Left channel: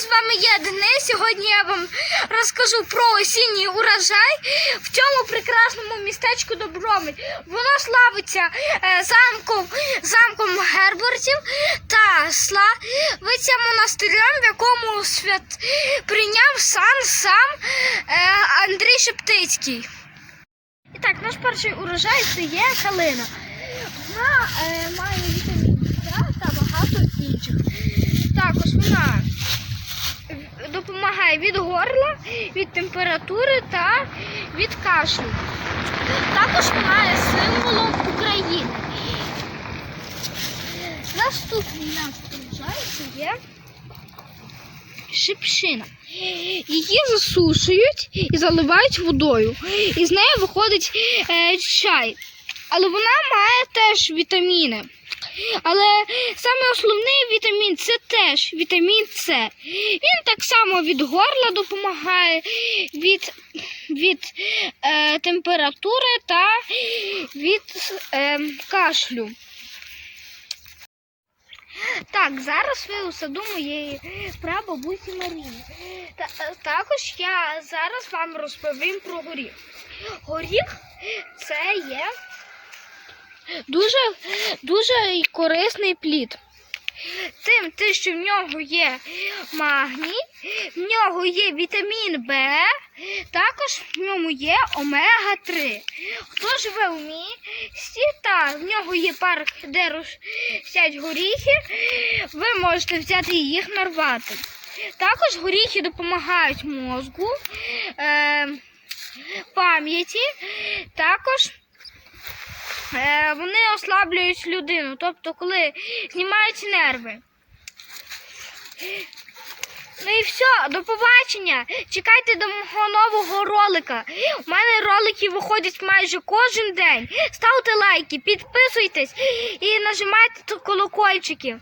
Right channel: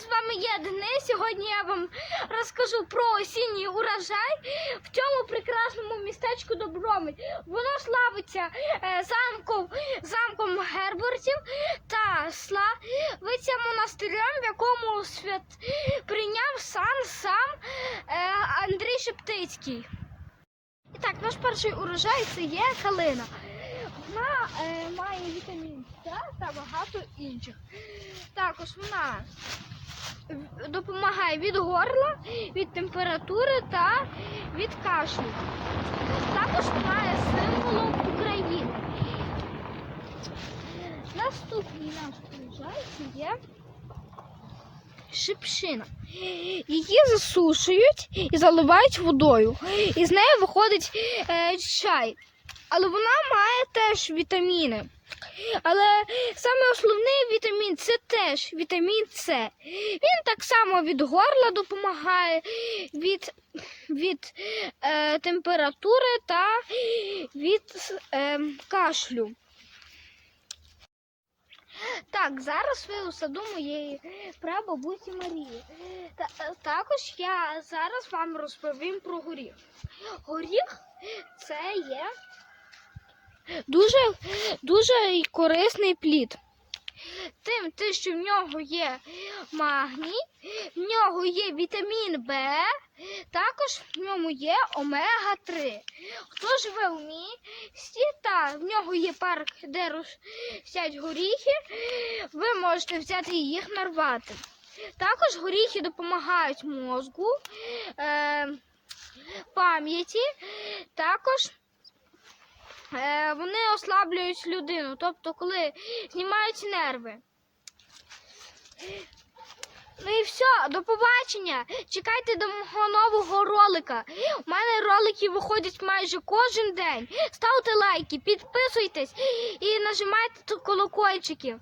з вами я Денис. Сьогодні я вам розкажу про осінній урожай в цьому прекрасному містечку Добромель. Воно славиться е, замком, замком Гербертів та славиться монастирем, в якому свят прийняв сан сам е, Андрій Шептицький. І так, наш перший урожай це є калина. Вона е, має вітамін та багато інших. Також вона допомагає від горла, від температури та від кашлю. Також вона є символом України. Наступний урожай це є шипшина. Її засушують і заливають водою. І з неї виходить е, чай. Але вона має теж вітаміни. Але саме основний вітамін це теж вітамін С. Він так само від горла допомагає, від, від е, температури та від е, кашлю. Так, зараз ви у саду моєї прабабусі Марії. Та, е, також я зараз вам розповім про горіх. Горіх це є дуже, дуже корисний плід. Тим, те, що в нього є магній, в нього є вітамін Б, також в ньому є омега-3. Хто живе у місті, та в нього є парк, де ростять горіхи, ви можете взяти і їх нарвати. Також горіхи допомагають мозку, е, пам'яті, також вони ослаблюють людину, тобто коли знімаються нерви. Ну і все, до побачення. Чекайте до мого нового ролика. У мене ролики виходять майже кожен день. Ставте лайки, підписуйтесь і нажимайте колокольчики.